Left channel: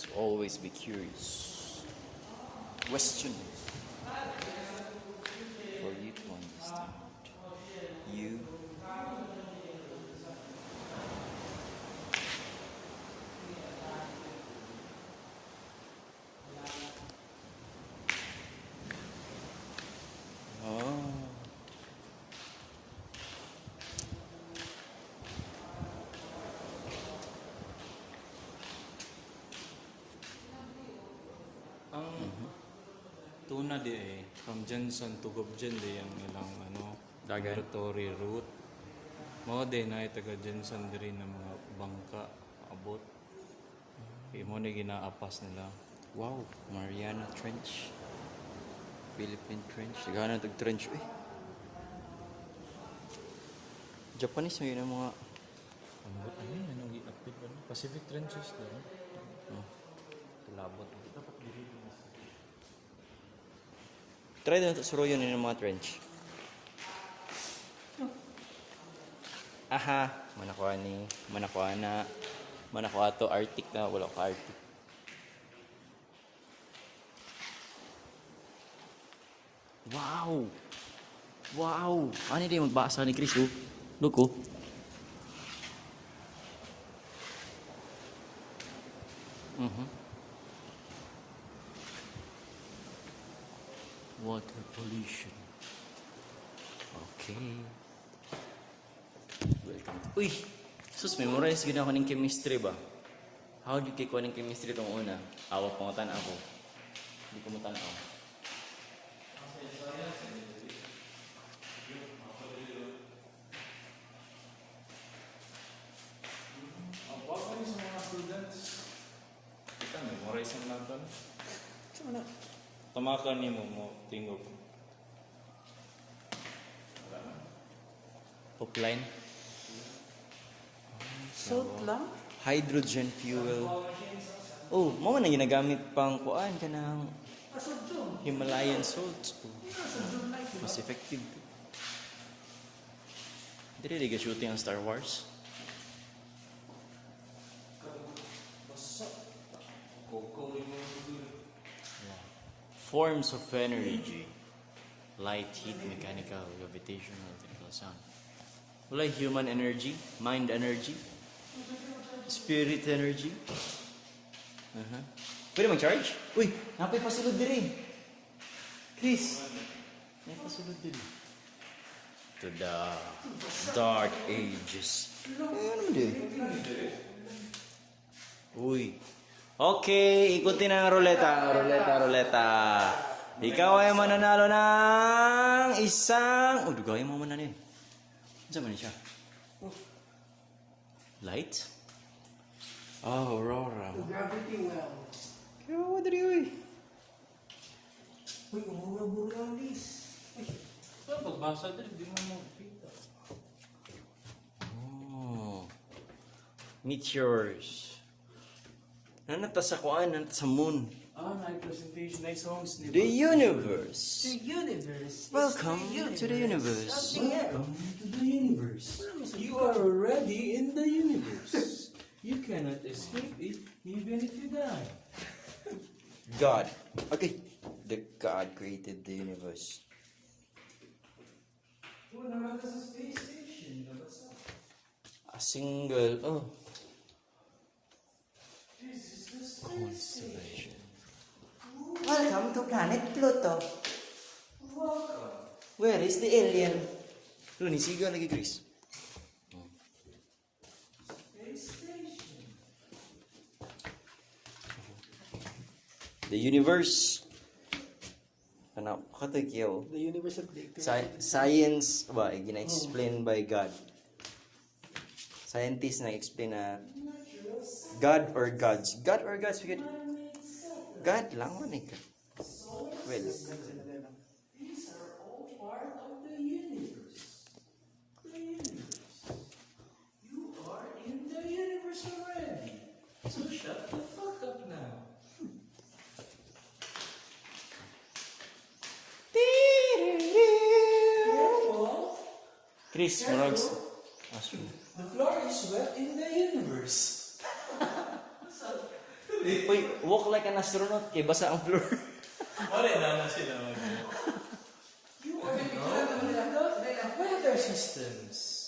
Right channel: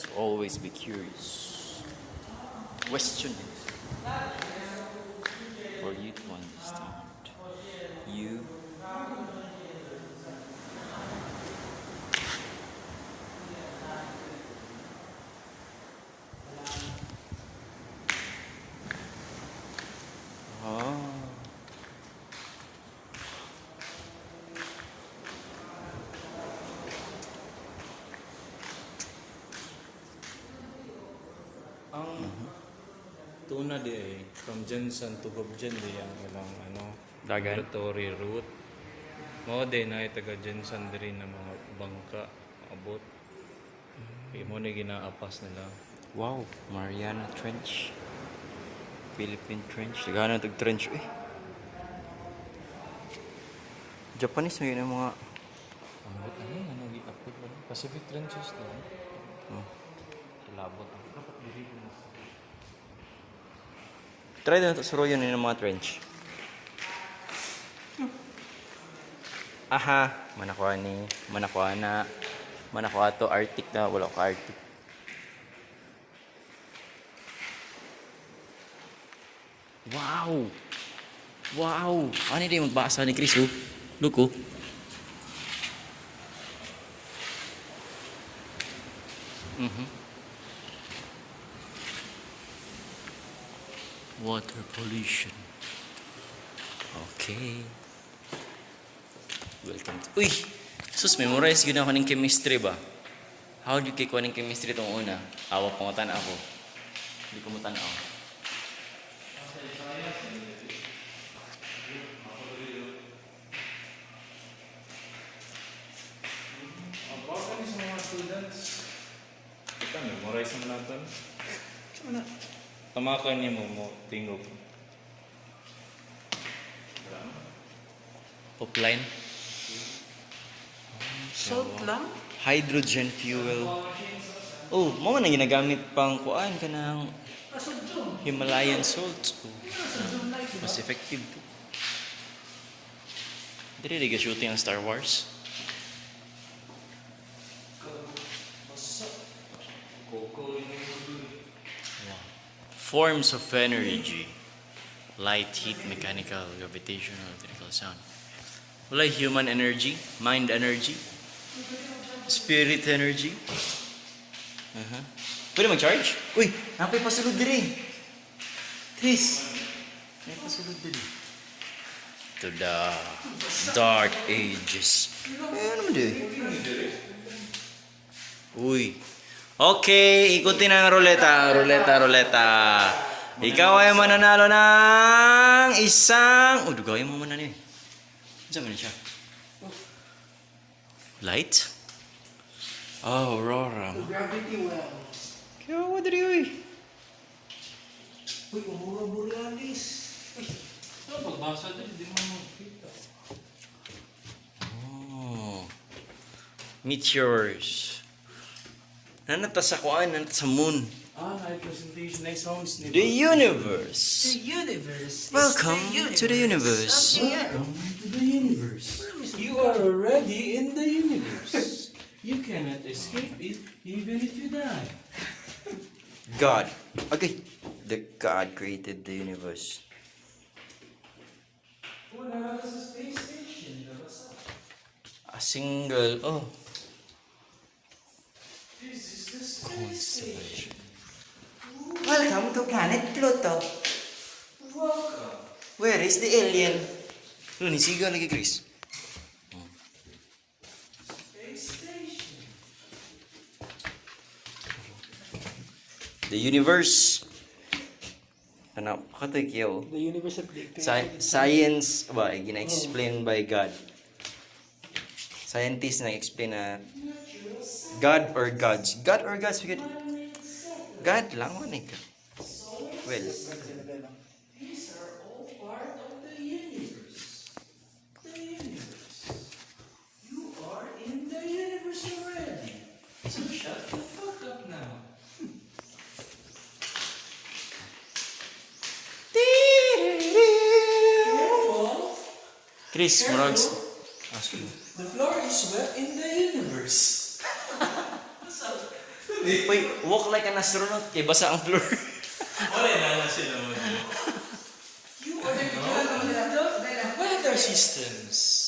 So always be curious. Question this for you to understand. You Ang tuna di from Jensen to Gobjen di ang ilang Dagan? migratory route. Mao di na taga Jensen diri na mga bangka abot. Imo na ginaapas nila. Wow, Mariana Trench. Philippine Trench. Sigana tag trench eh. Japanese may yun ang mga Ano gi-update mo? Pacific Trenches na. Labot ang try na ito suruyan ng mga trench. Aha, manakuha ni, manakuha to Arctic na, wala ka Arctic. Wow! Wow! Ano din magbasa ni Chris, oh? Look, oh. Water pollution. Okay. Welcome to... Uy! Sus, memorize yun ako ng chemistry ba? How do you kikuha ng chemistry itong una? Awa pangutan ako. Hindi ko matanaw. Baka ni sa mga students. Ito, memorize mo natin. Tamakan niyo mo tingog. Upline. Salt lang? Hydrogen fuel. Oh, mga na ginagamit pang kuan ka ng Himalayan salt. Oh, mas effective. Dili rin shooting ang Star Wars. Forms of energy: light, heat, mechanical, gravitational, electrical, sound. Wala human energy, mind energy, spirit energy. Pwede mag-charge? Uy, napay pasulod din. Chris, may pasulod din. To the dark ages. Ano naman din? Uy. Okay, ikutin ang ruleta. Ikaw ay mananalo ng isang... dugay mo mananalo eh. Saan man siya? Light? Oh, Aurora. Gravity well. Kaya what did you Uy, Aurora Borealis. Ito, pagbasa din, di mo makita. Oh. Meteors. Nanata sa kuan, nanata sa moon. Night presentation, night sounds The universe. The universe. Welcome to the universe. Welcome to the universe. You are already in the universe. You cannot escape it even if you die. God. Okay. The God created the universe. Wala ka sa space station. A single. Oh. This is the space station. Constellation. Welcome to planet Pluto. Welcome. Where is the alien? Ano, nisigaw lagi, Chris? Space station. The universe. Ano, pakatagyaw. The universe of the Science, ba, gina-explain by God. Scientists na-explain na God or gods. God or gods, God lang man eh. Well, These are all part of the universe. The universe. You are in the universe already. So shut the fuck up now. Careful. Chris, Morons. The floor is wet in the universe. Uy, walk like an astronaut. Kaya basa ang floor. Wala na sila mag. You are the weather systems.